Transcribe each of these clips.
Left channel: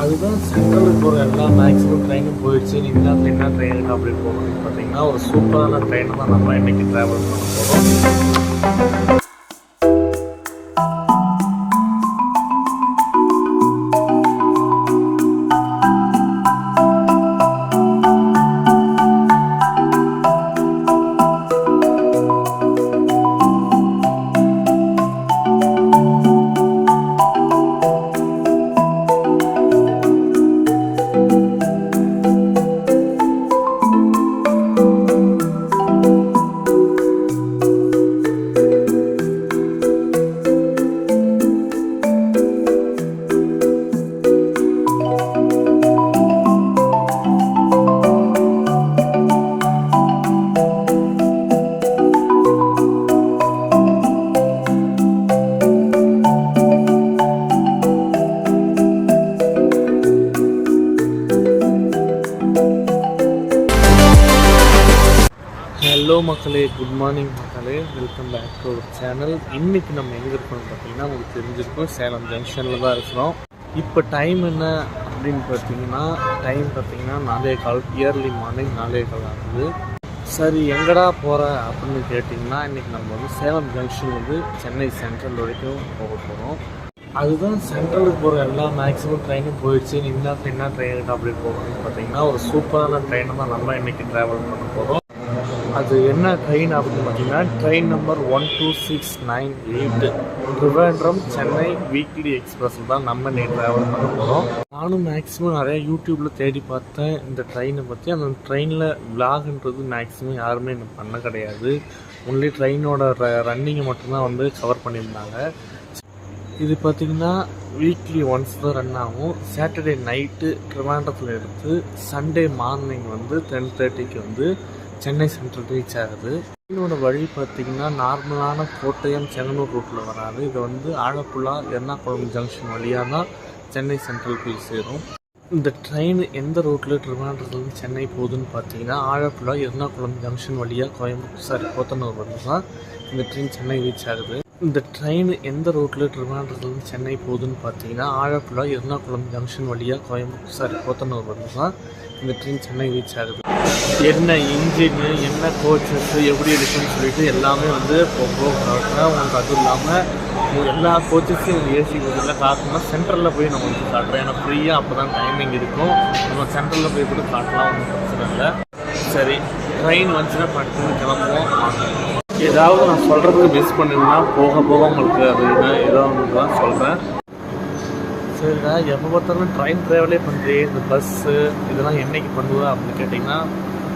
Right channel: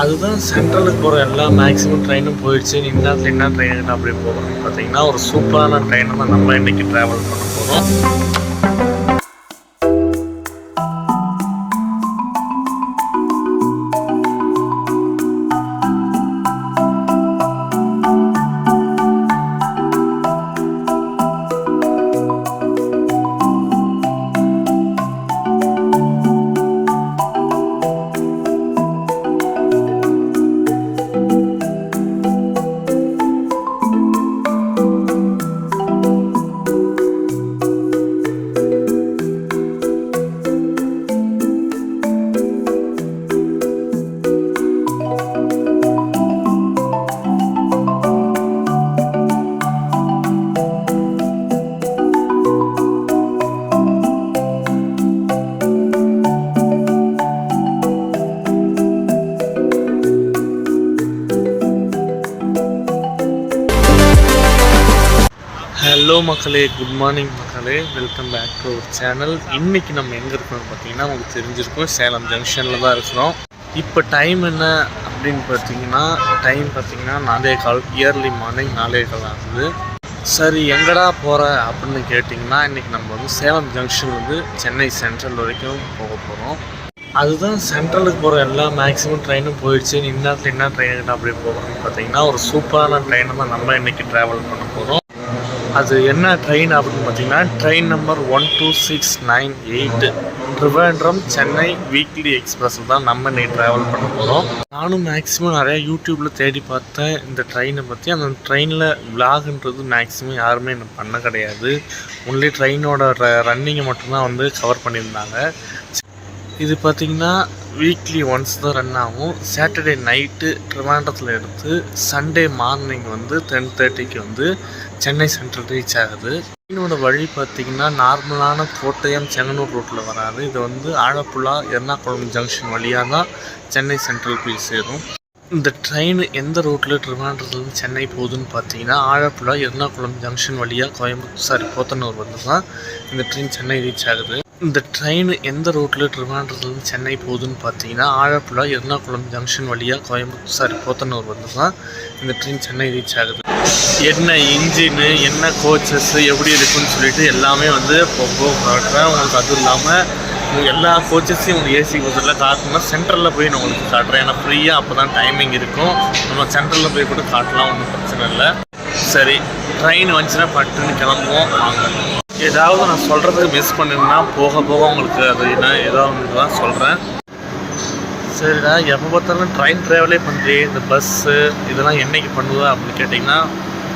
அதுதான் சென்ட்ரலுக்கு போகிற எல்லா மேக்ஸிமம் ட்ரெயினும் போயிடுச்சு. இந்நேரத்தில் என்ன ட்ரெயின் அப்படி போகணும்னு பார்த்தீங்கன்னா ஒரு சூப்பரான ட்ரெயினை தான் நம்ம இன்றைக்கி ட்ராவல் பண்ண போகிறோம். ஹலோ மக்களே, குட் மார்னிங் மக்களே, welcome back to our channel. இன்றைக்கி நம்ம எங்கே இருக்கோம்னு பார்த்தீங்கன்னா உங்களுக்கு தெரிஞ்சிருக்கும், சேலம் ஜங்ஷனில் தான் இருக்கிறோம். இப்போ டைம் என்ன அப்படின்னு பார்த்தீங்கன்னா 4:15, இயர்லி மார்னிங் 4:15 ஆகுது. சரி, எங்கடா போகிற அப்படின்னு கேட்டிங்கன்னா இன்றைக்கி நம்ம வந்து சேலம் ஜங்ஷன்லேருந்து சென்னை சென்ட்ரல் வரைக்கும் போக போகிறோம். அதுதான் சென்ட்ரலுக்கு போகிற எல்லா மேக்ஸிமம் ட்ரெயினும் போயிடுச்சு. இந்நேரத்தில் என்ன ட்ரெயின் அப்படி போகணும்னு பார்த்தீங்கன்னா ஒரு சூப்பரான ட்ரெயினை தான் நம்ம இன்றைக்கி ட்ராவல் பண்ண போகிறோம். அது என்ன ட்ரெயின் அப்படின்னு பார்த்தீங்கன்னா train number 12698 Trivandrum Chennai weekly எக்ஸ்பிரஸில் தான் நம்ம இன்னைக்கு ட்ராவல் பண்ண போகிறோம். நானும் மேக்ஸிமம் நிறையா யூடியூப்பில் தேடி பார்த்தேன் இந்த ட்ரெயினை பற்றி. அந்த ட்ரெயினில் விலாகுன்றது மேக்ஸிமம் யாருமே எனக்கு பண்ண கிடையாது. ஒன்லி ட்ரெயினோட ரன்னிங்கை மட்டும்தான் வந்து கவர் பண்ணியிருந்தாங்க. இது பார்த்திங்கன்னா வீக்லி ஒன்ஸ் தான் ரன் ஆகும். சாட்டர்டே நைட்டு ட்ரிவாண்டத்தில் எடுத்து சண்டே மார்னிங் வந்து 10:30க்கு வந்து சென்னை சென்ட்ரல் ரீச் ஆகுது. ட்ரெயினோட வழி பார்த்திங்கன்னா நார்மலான கோட்டயம் செங்கனூர் ரூட்டில் வராது. இது வந்து ஆழப்புழா எர்ணாகுளம் ஜங்ஷன் வழியாக தான் சென்னை சென்ட்ரல் போய் சேரும். இந்த ட்ரெயின் எந்த ரூட்டில் ட்ரிவாண்டத்துலேருந்து சென்னை போகுதுன்னு பார்த்தீங்கன்னா ஆழப்புழா எர்ணாகுளம் ஜங்ஷன் வழியாக போத்தனூர் வந்து தான் இந்த ட்ரெயின் சென்னை ரீச் ஆகுது. இந்த ட்ரெயின் எந்த ரூட்டில் ட்ரிவாண்டத்துலேருந்து சென்னை போகுதுன்னு பார்த்தீங்கன்னா ஆழப்புழா எர்ணாகுளம் ஜங்ஷன் வழியாக போத்தனூர் வந்து தான் இந்த ட்ரெயின் சென்னை ரீச் ஆகுது. என்ன இன்ஜினு, என்ன கோச்சஸ்ஸு எப்படி இருக்குன்னு சொல்லிட்டு எல்லாமே வந்து போக காட்டுறேன் உங்களுக்கு. அதுவும் இல்லாமல் எல்லா கோச்சஸையும் உங்களுக்கு ஏசி கோச்சரில் காட்டணும்னா சென்ட்ரலில் போய் நான் உங்களுக்கு காட்டுறேன். ஏன்னா ஃப்ரீயாக அப்போ தான் டைமிங் இருக்கும். நம்ம சென்ட்ரலில் போய் கூட காட்டலாம், ஒன்றும் பிரச்சனை இல்லை. சரி, ட்ரெயின் வந்துச்சுன்னா பட்டுன்னு கிளம்புவோம் வாங்க. ஏதாவது நான் சொல்கிறதுக்கு மிஸ் பண்ணிருந்தா போக போக உங்களுக்கு அது என்ன ஏதோ ஒன்று தான் சொல்கிறேன். சரிடா, எப்போ பார்த்தாலும் ட்ரெயின் ட்ராவலே பண்ணுறேன். இந்த பஸ்ஸு இதெல்லாம் என்றைக்கு பண்ணுவேன் அப்படின்னு கேட்டிங்கன்னா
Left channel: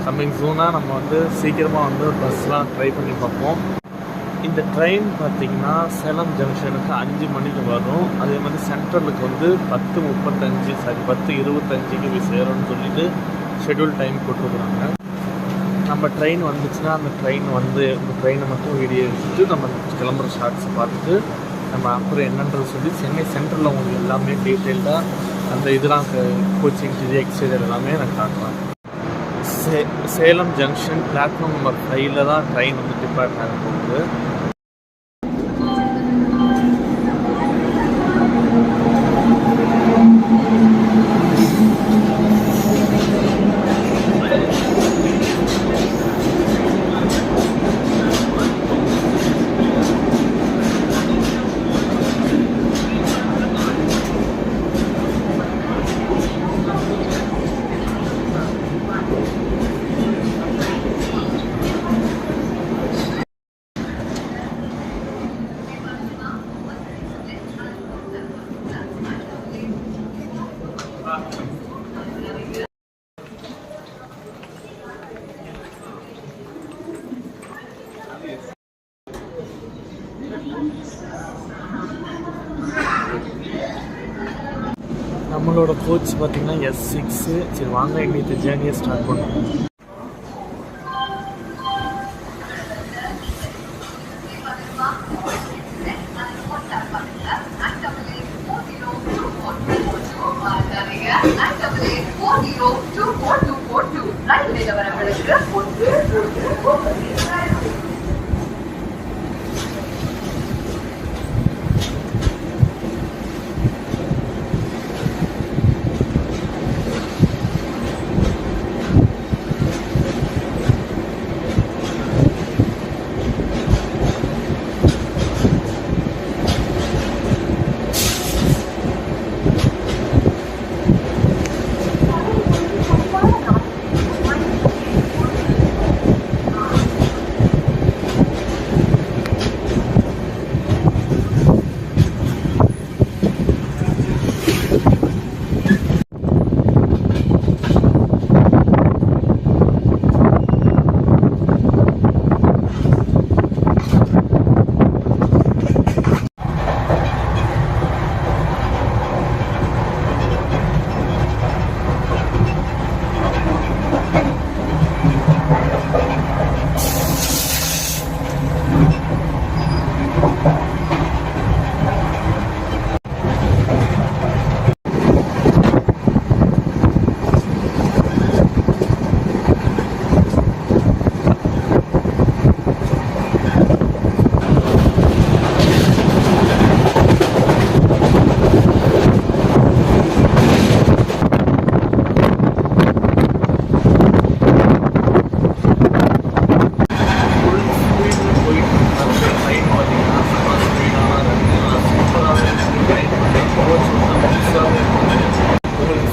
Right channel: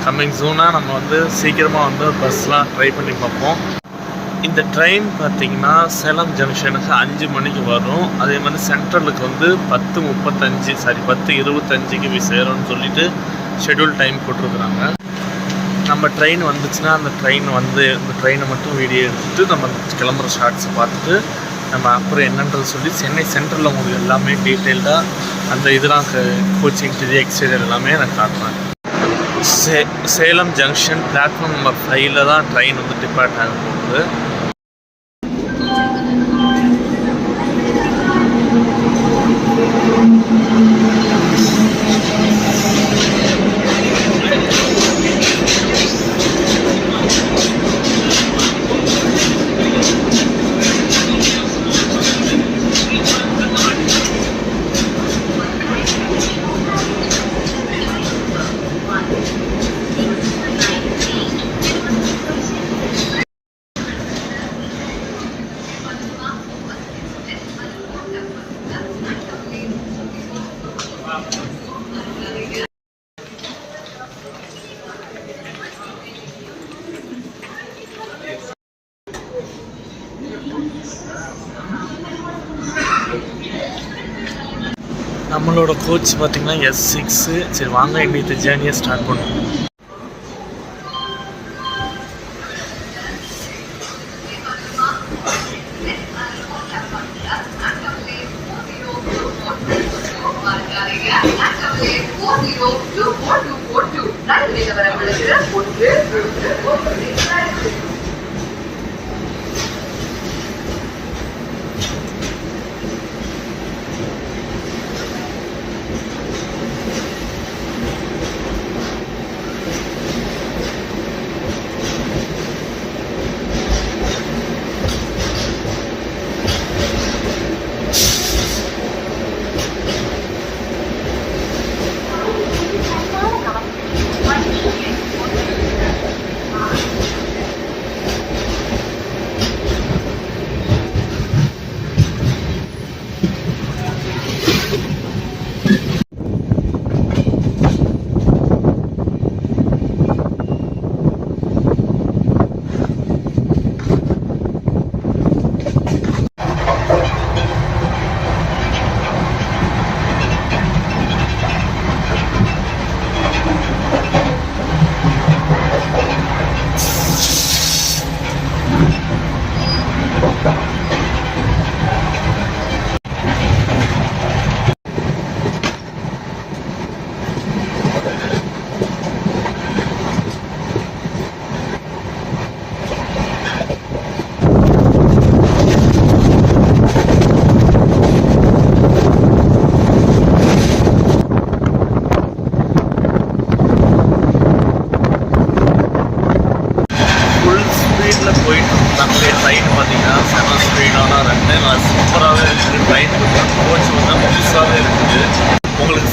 கம்மிங் சூனாக நம்ம வந்து சீக்கிரமாக வந்து பஸ்லாம் ட்ரை பண்ணி பார்ப்போம். இந்த ட்ரெயின் பார்த்திங்கன்னா சேலம் ஜங்ஷனுக்கு 5 மணிக்கு வரும். அதே மாதிரி சென்ட்ரலுக்கு வந்து 10:25 போய் சேரும்னு சொல்லிட்டு ஷெட்யூல் டைம் போட்டிருக்குறாங்க. நம்ம ட்ரெயின் வந்துச்சுன்னா அந்த ட்ரெயினை மட்டும் வீடியோ எடுத்துகிட்டு நம்ம கிளம்புற ஷார்ட்ஸை பார்த்துட்டு நம்ம அப்புறம் என்னன்றது சொல்லி சென்னை சென்ட்ரலில் உங்களுக்கு எல்லாமே டீட்டெயில்டாக அந்த இதெல்லாம் கோச்சிங் எக்ஸ்டீரியர் எல்லாமே நான் காட்டுறேன். சேலம் ஜங்ஷன் பிளாட்ஃபார்ம் நம்பர் 5 தான் ட்ரெயின் வந்து டிபார்ட் ஆக போகுது. நம்மளோட கோச் பார்த்திங்கன்னா S6. சரி வாங்க இன்னைக்கு ஜேர்னியை ஸ்டார்ட் பண்ணுவோம்.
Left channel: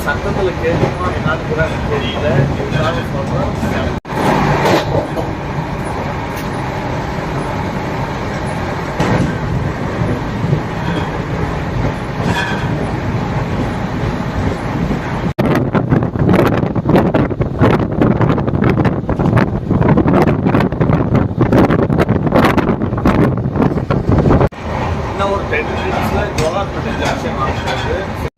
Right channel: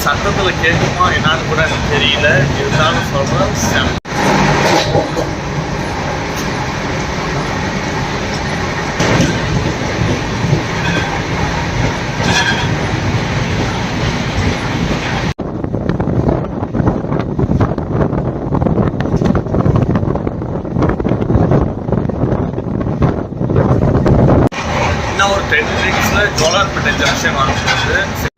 சத்தத்தில் கேட்குமா என்னான்னு கூட எனக்கு தெரியல, இருந்தாலும் சொல்கிறேன் செம். இன்னும் ஒரு 10 மினிட்ஸில் ஜோலார்பேட்டை ஜங்ஷன் வாங்கிட்டு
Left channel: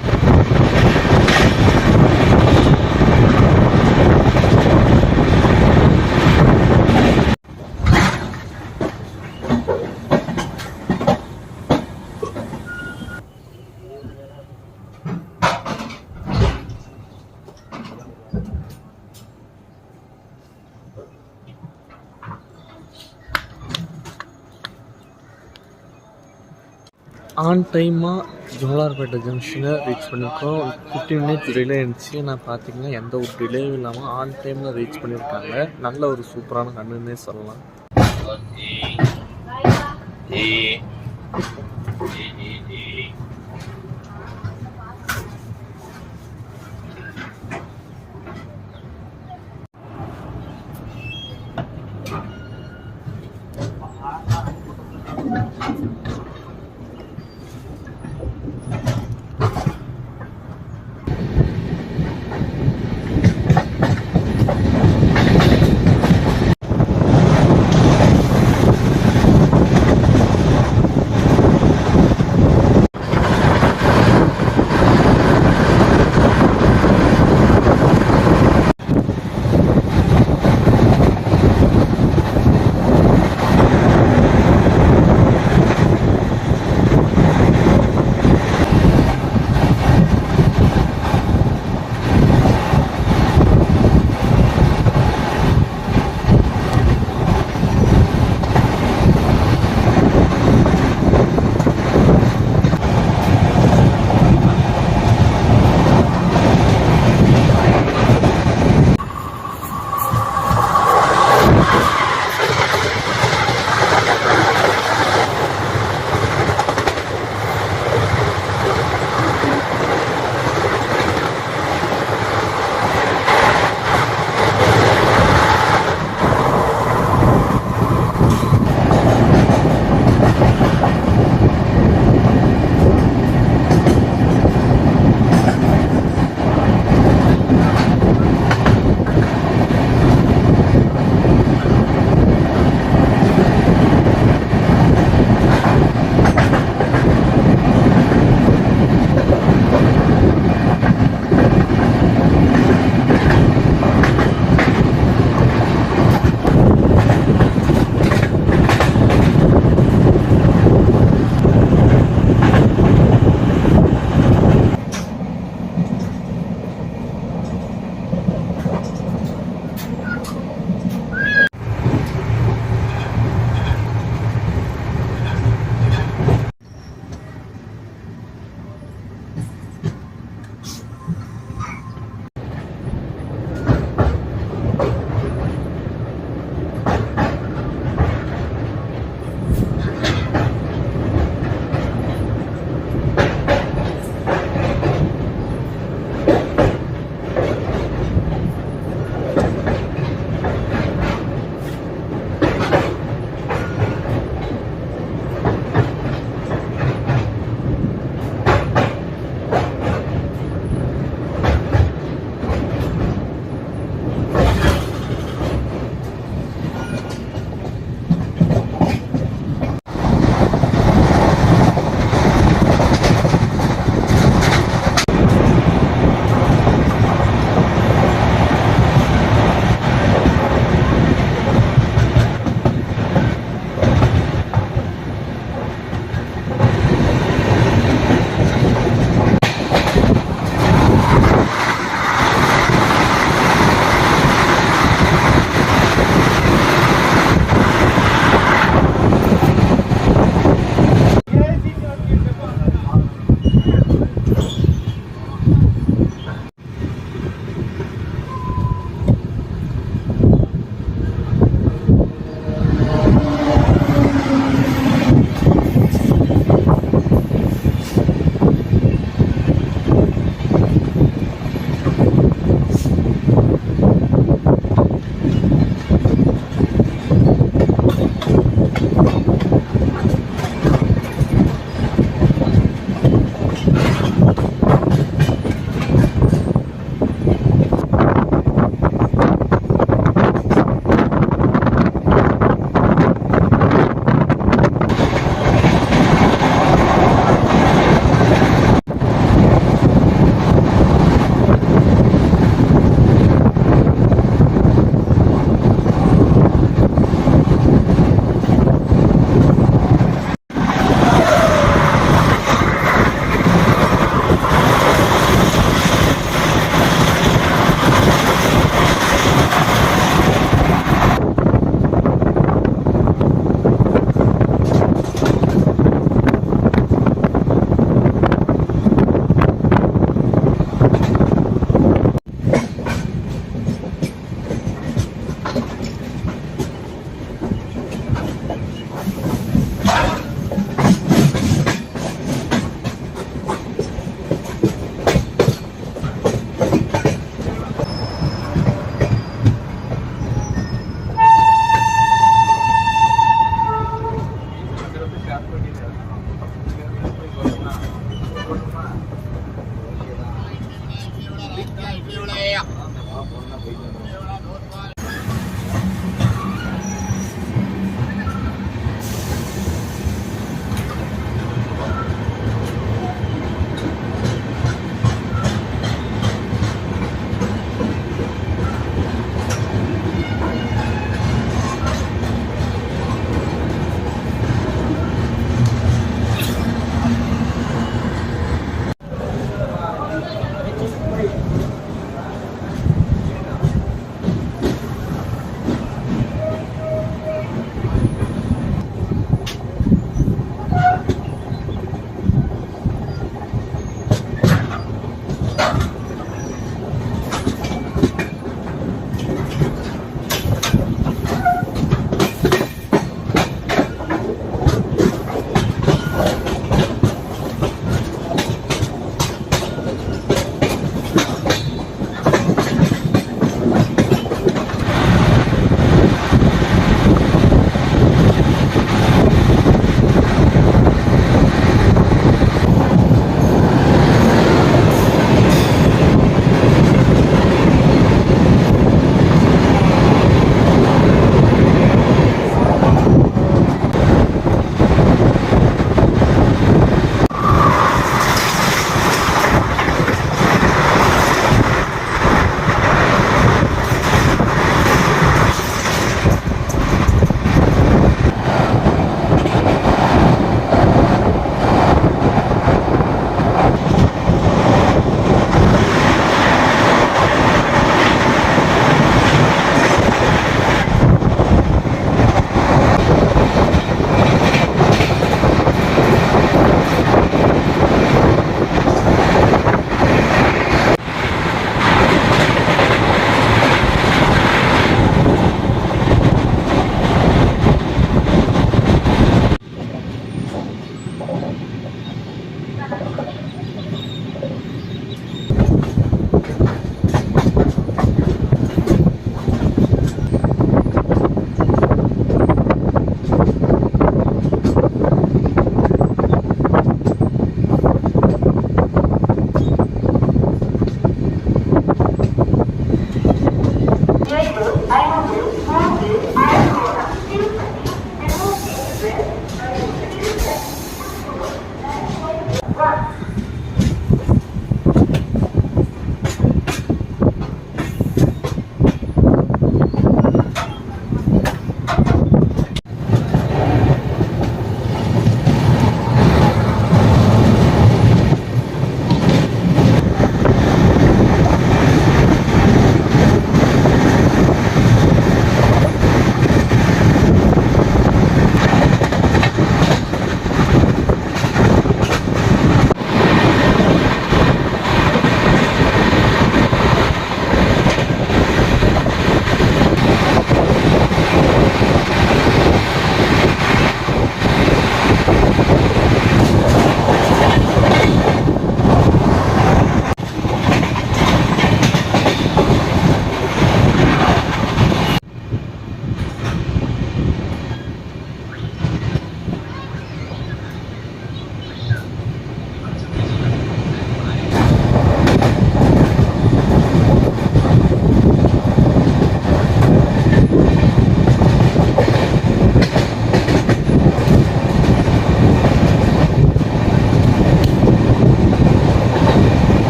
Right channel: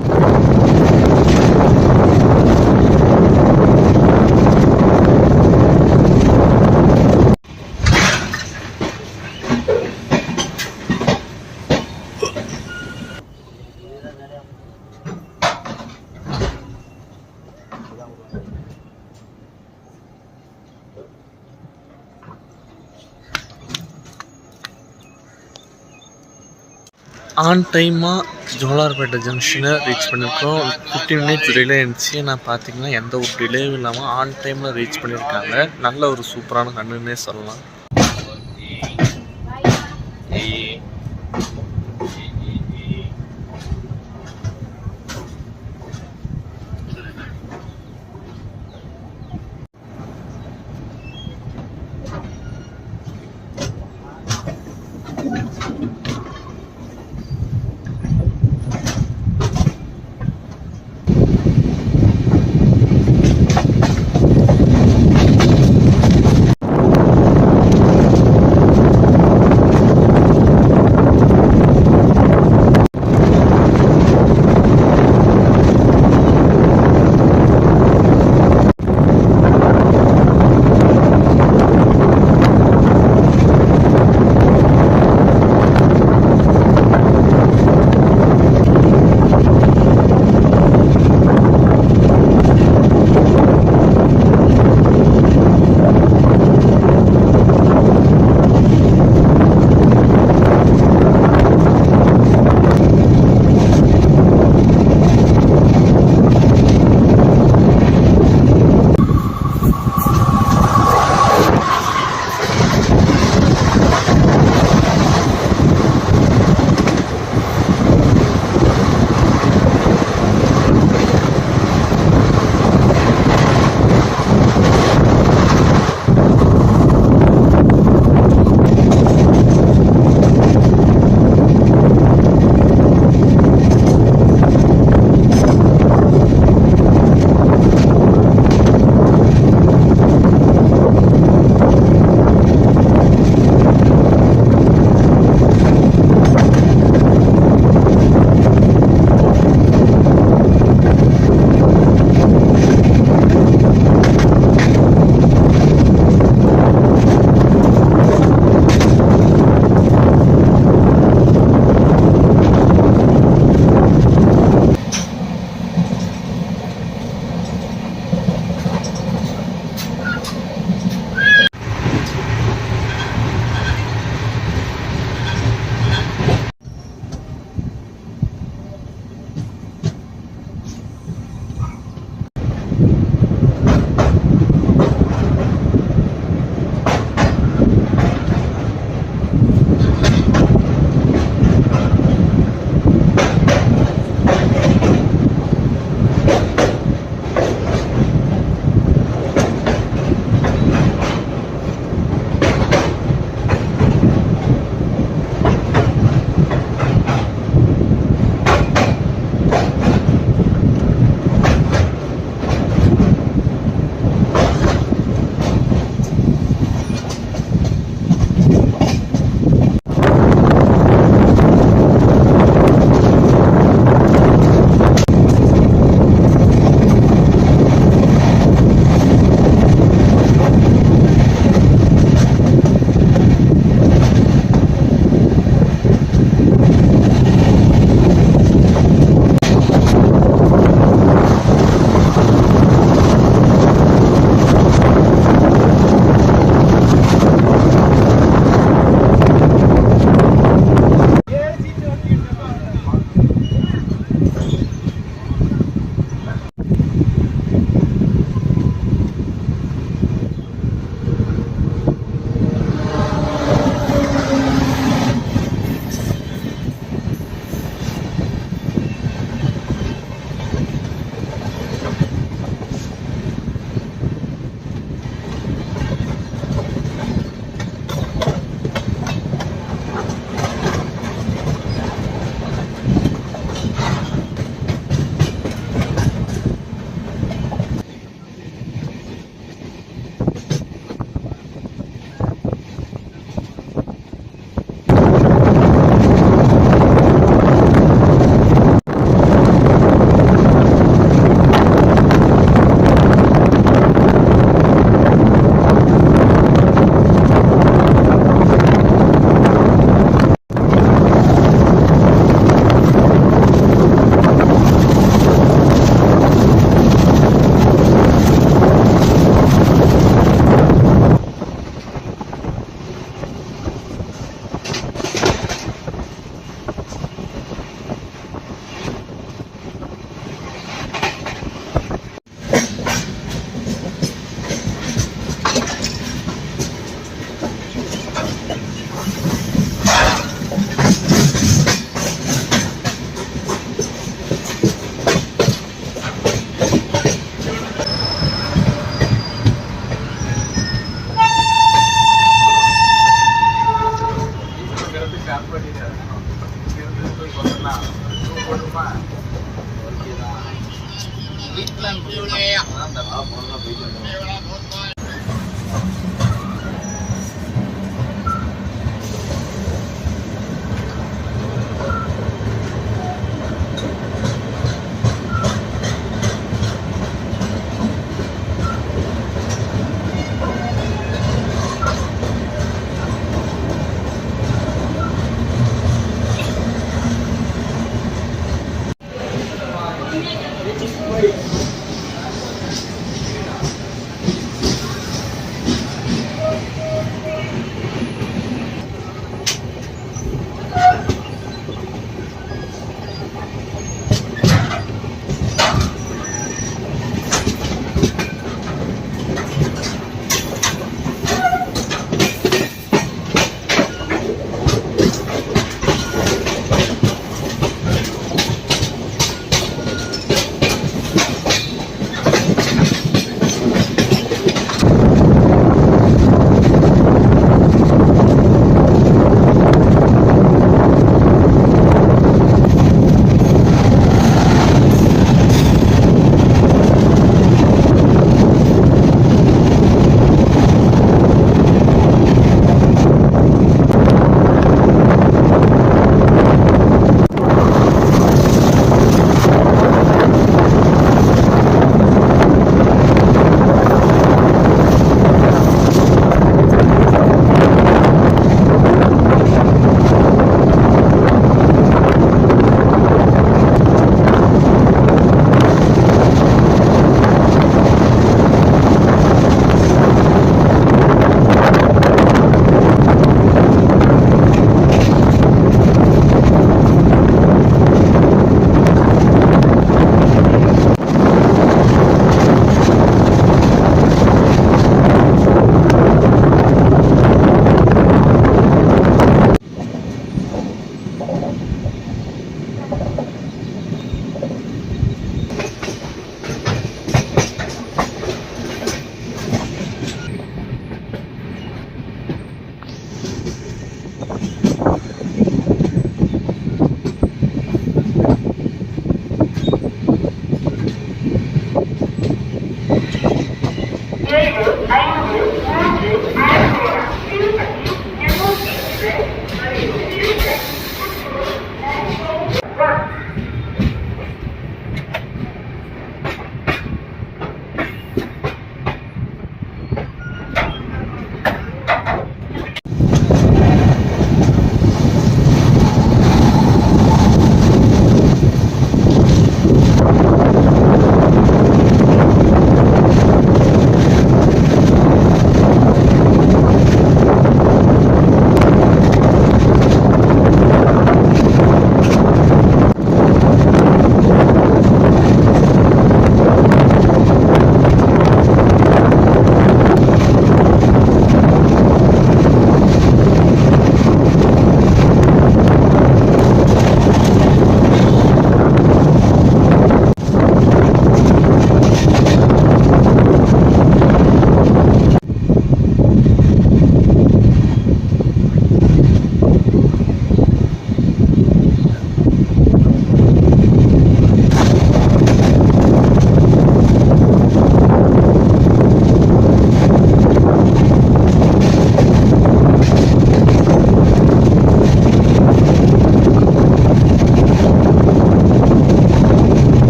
ஆன் டைமாக ஜோலார்பேட்டை ஜங்ஷனை ரீச் பண்ணியிருக்கோம். 15 மினிட்ஸ் டிலே இருந்துச்சு. நான் பார்த்தீங்கன்னா எந்த ஒரு டிலேவும் இல்லாமல் ஆன் டைமில் ரீச் பண்ணியிருக்காங்க. நல்ல ஒரு சூப்பரான கண்ணுன்னே சொல்லலாம்.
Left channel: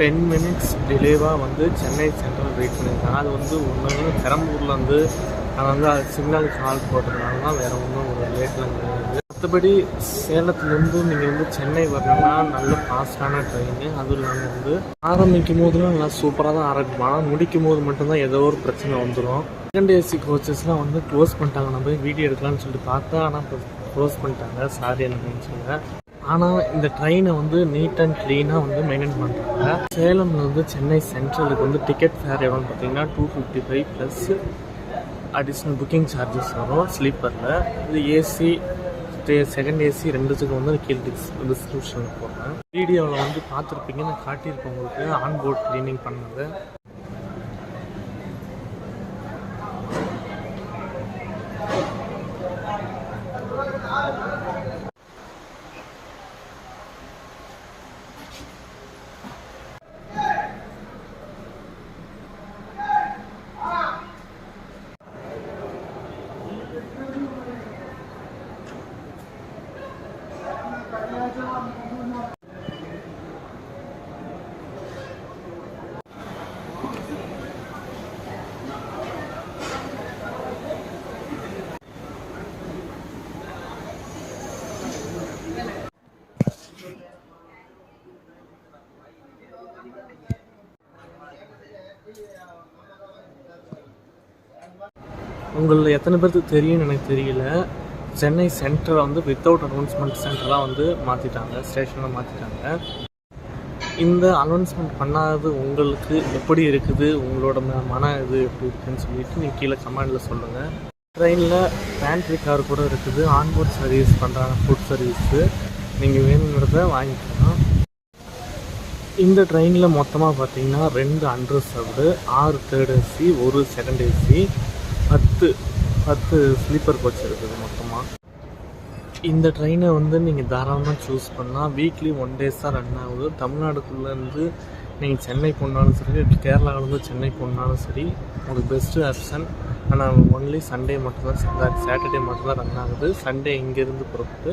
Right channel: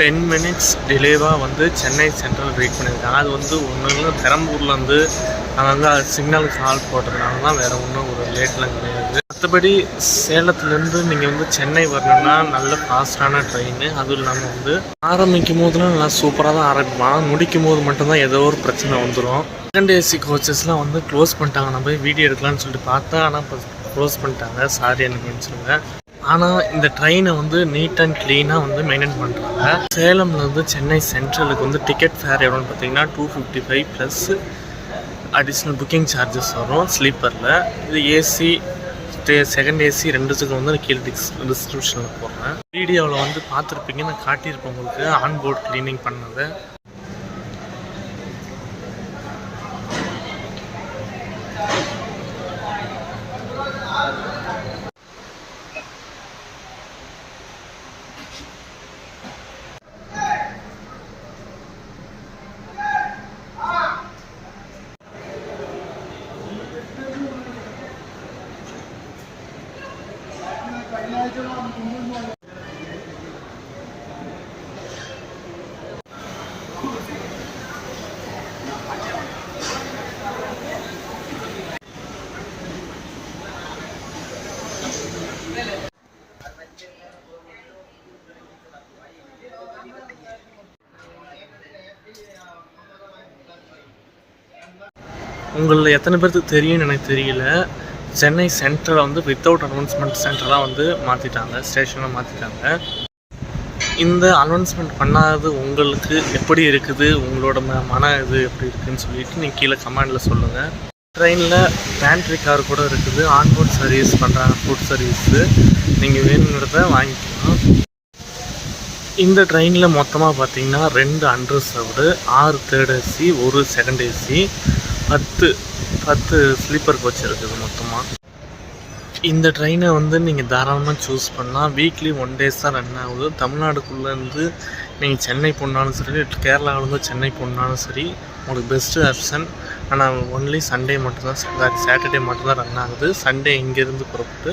10 மினிட்ஸ் டிலேவாக வந்து சென்னை சென்ட்ரல் ரீச் பண்ணியிருக்காங்க. அது வந்து ஒன்று பெரம்பூரில் வந்து அங்கே சிக்னலுக்கு ஹால்ட் போட்டதுனால தான், வேறு ஒன்றும் ஒரு லேட்லாம் கிடையாது. மற்றபடி சேலத்துலேருந்து நீங்கள் வந்து சென்னை வரணுன்னா நல்ல ஃபாஸ்டான ட்ரெயின். அதுவும் இல்லாமல் வந்து ஆரம்பிக்கும் போதுலாம் நல்லா சூப்பராக தான் ஆரம்பிப்பான், முடிக்கும் போது மட்டும்தான் ஏதோ ஒரு பிரச்சனை வந்துடும். செகண்ட் ஏசி கோச்சஸ்லாம் வந்து க்ளோஸ் பண்ணிட்டாங்க. நான் போய் வீடியோ எடுக்கலான்னு சொல்லிட்டு பார்த்தேன், ஆனால் இப்போ க்ளோஸ் பண்ணிட்டாங்க. சாரி எனக்கு மன்னிச்சுங்க. ஆனால் இந்த ட்ரெயினை வந்து நீட் அண்ட் க்ளீனாக வந்து மெயின்டைன் பண்ணுறாங்க. சேலம்லேருந்து சென்னை சென்ட்ரலுக்கு வந்து டிக்கெட் ஃபேர் எவ்வளோன்னு பார்த்தீங்கன்னா 255 ப்ளஸ் அடிஷ்னல் புக்கிங் சார்ஜஸ் வரும் ஸ்லீப்பரில். இது ஏசி செகண்ட் ஏசி ரெண்டுத்துக்கும் வந்து கீழே டிஸ்கிரிப்ஷனில் போடுறேன். வீடியோவில் வந்து பார்த்துருப்பீங்க, நான் காட்டியிருப்பேன் உங்களுக்கு ஆன்போர்ட் க்ளீனிங் பண்ணது. உங்களில் எத்தனை பேருக்கு தெரியும்னு எனக்கு தெரியல, சென்னை சென்ட்ரலை வந்து வித்தவுட் அனௌன்ஸ்மெண்ட் சென்டராக வந்து மாற்றிட்டாங்க, ஸ்டேஷனை மாற்றிட்டாங்க. இந்த அனௌன்ஸ்மெண்ட் பண்ணாதது உங்களுக்கு எப்படி இருக்குது, உங்களோட மன இது எப்படி இருக்குதுன்னு சொல்லிட்டு நீங்கள் கீழே கமெண்டில் சொல்லுங்கள். ட்ரெயினில் பேண்ட்ரி கார் கூட இருக்குது, ஆன்போர்ட் சர்வீஸ் பண்ணுறாங்க, ஃபுட் சர்வீஸு. நீங்கள் வேணுங்கிறத வாங்கிக்கலாம். இந்த ட்ரெயினில் மொத்தமாக பார்த்தீங்கன்னா 2 unreserved, 6 third AC, 1 second AC, 10 sleeper coach இருக்குது மொத்தமாக. இந்த ட்ரெயினை வந்து நீங்கள் தாராளமாக சூஸ் பண்ணலாம். வீக்லி 1 டேஸ் தான் ரன் ஆகுது. தமிழ்நாடுக்குள்ளேருந்து நீங்கள் சென்னை போனாலும் சரி, கேரளாவிலேருந்து சென்னை போனாலும் சரி, உங்களுக்கு பெஸ்ட்டு ஆப்ஷன். ஆனால் ஒன்லி சண்டே மட்டும்தான், சாட்டர்டே மட்டும்தான் ரன் ஆகுது. சண்டே இங்கேருந்து புறப்பட்டு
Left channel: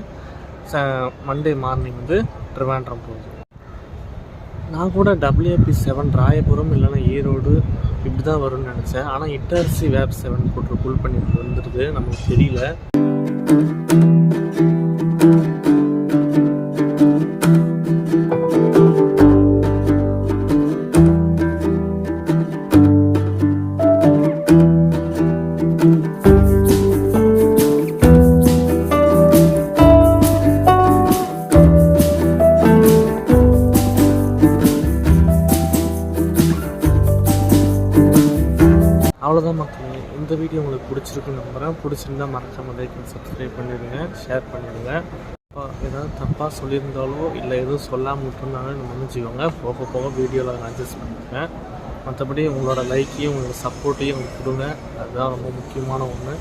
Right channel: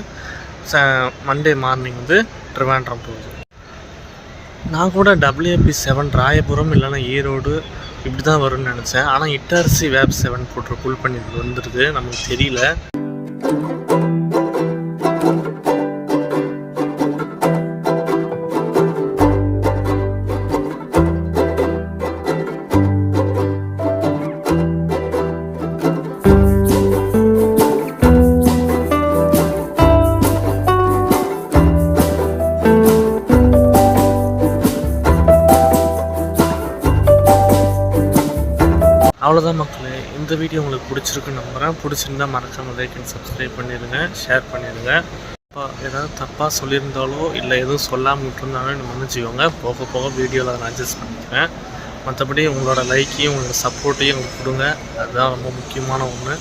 மண்டே மார்னிங் வந்து ட்ரிவாண்ட்ரம் போகுது. நான் கூட WAP7 ராயபுரம் இல்லைன்னா ஈரோடு இப்படி தான் வரும்னு நினச்சேன். ஆனால் இட்டார்சி WAP7 போட்டு புல் பண்ணி வந்துருக்கு, நமக்கு தெரியல. அவ்வளோதான் மக்களே, இந்த வீடியோ உங்களுக்கு பிடிச்சிருக்குன்னு நம்புகிறேன். பிடிச்சிருந்தால் மறக்காமல் லைக் அண்ட் சப்ஸ்கிரைப் பண்ணிடுங்க, ஷேர் பண்ணிடுங்க. இப்போ ஏதாவது தப்பாக சொல்லியிருந்தாலோ இல்லை எதுவும் சொல்லாமல் விட்டுருந்தாலும் எனக்கு மன்னிச்சுக்கோங்க. போக போக வீடியோவில் நான் அட்ஜஸ்ட் பண்ணிக்கிறேன். மற்றபடி உங்களோட லைக்கையும் உங்களோட சப்போர்ட்டையும் உங்களுக்கு கொடுங்க, அதுதான் ரொம்ப முக்கியமான ஒன்று.